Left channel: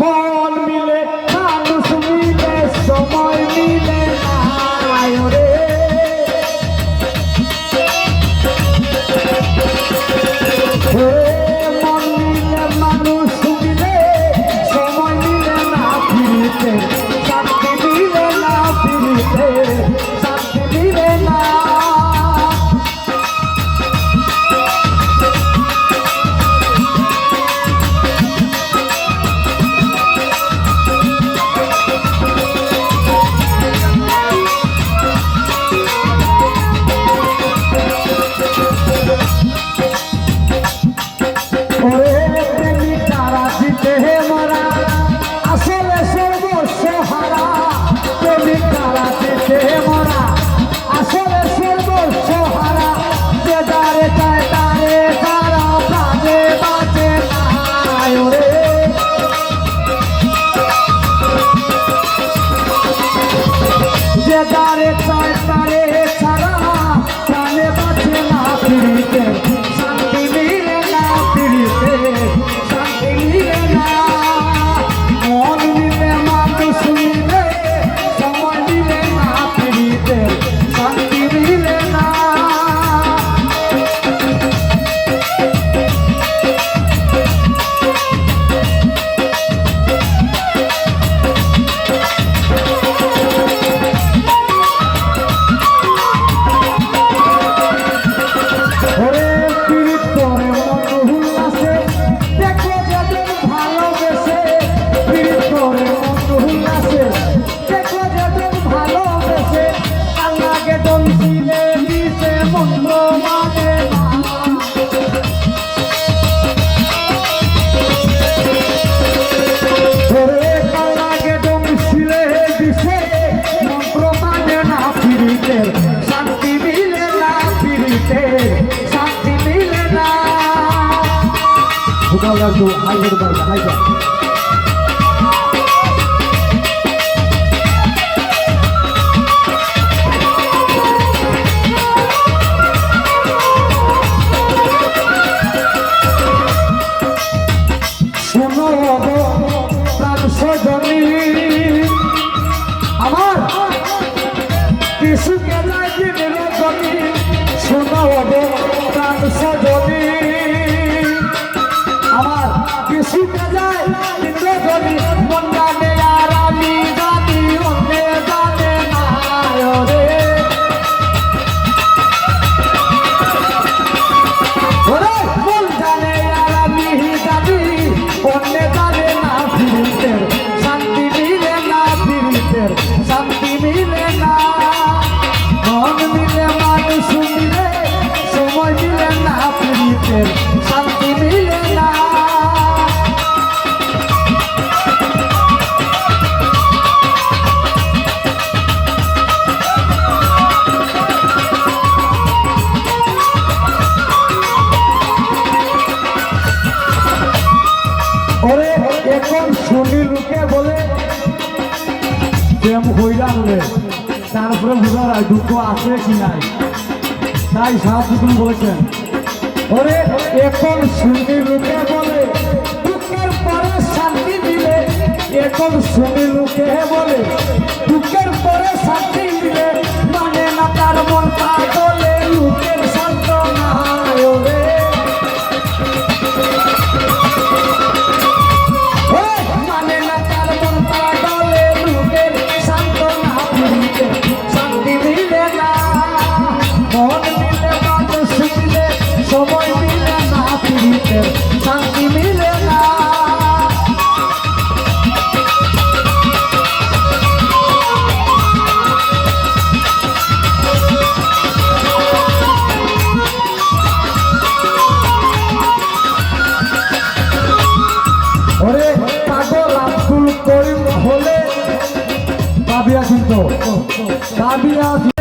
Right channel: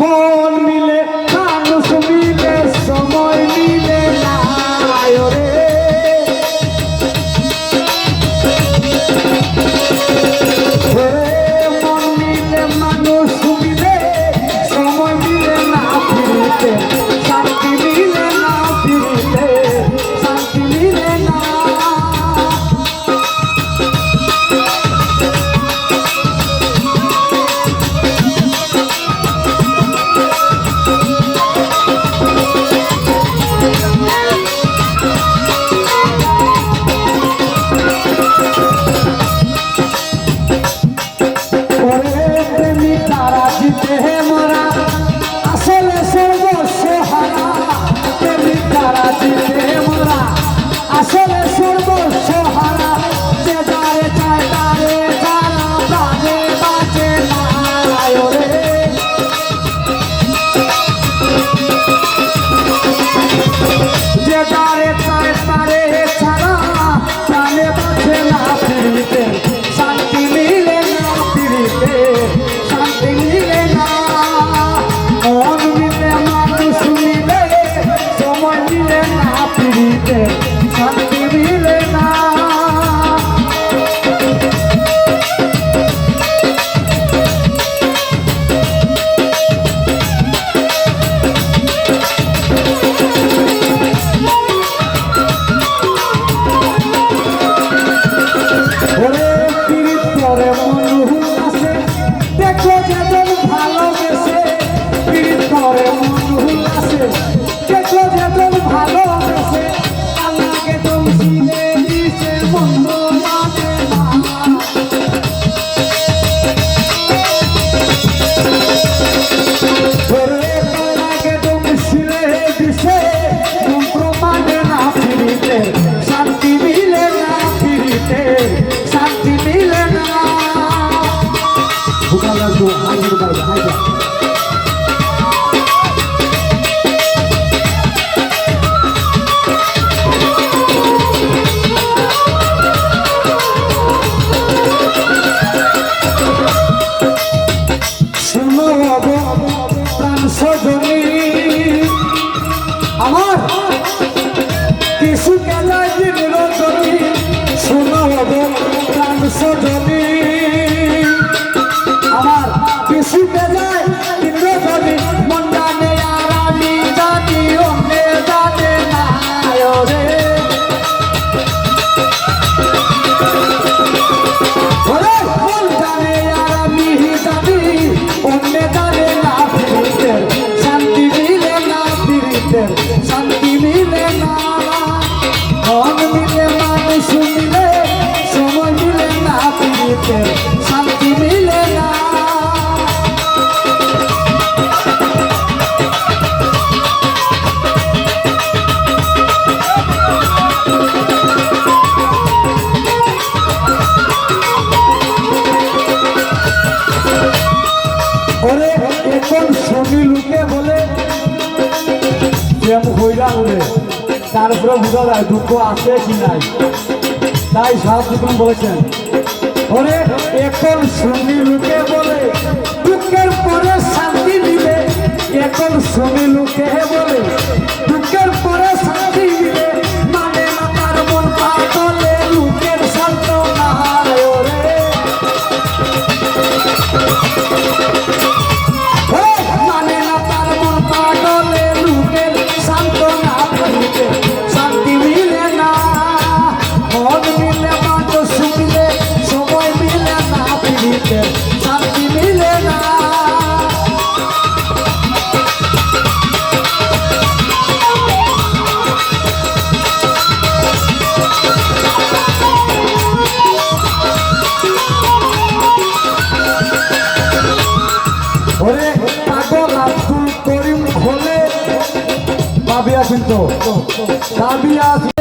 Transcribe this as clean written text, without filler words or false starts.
মন মিলে মানুষ মিলে সময় মিলে না রে মন মিলে মানুষ মিলে সময় মিলে না ফিরিতে শান্তি মিলে না ফিরিতে শান্তি মিলে না শান্তি মিলে না ওরে এখন ছবি লুকে বলে প্রেম হইরা বলে তারপরে বুঝা যায় দুঃখ আছে কি নাই তাই সাহায্য তুমি বলেছেন ওরে এখন শুনি লোকে বলে দুঃখের পরে শান্তি মিলে এখন শুনি লোকে বলে দুঃখের পরে শান্তি মিলে মানে না তার মন পাগলে লোকের শান্ত না ওরে মানে না তার মন পাগলে লোকের শান্ত না শান্তি মিলে না মন মিলে মানুষ মিলে সময় মিলে না ফিরিতে শান্তি মিলে না ওরে পাগল আব্দুল করিম হলে পাবিয়া কিন্তু পাবিয়া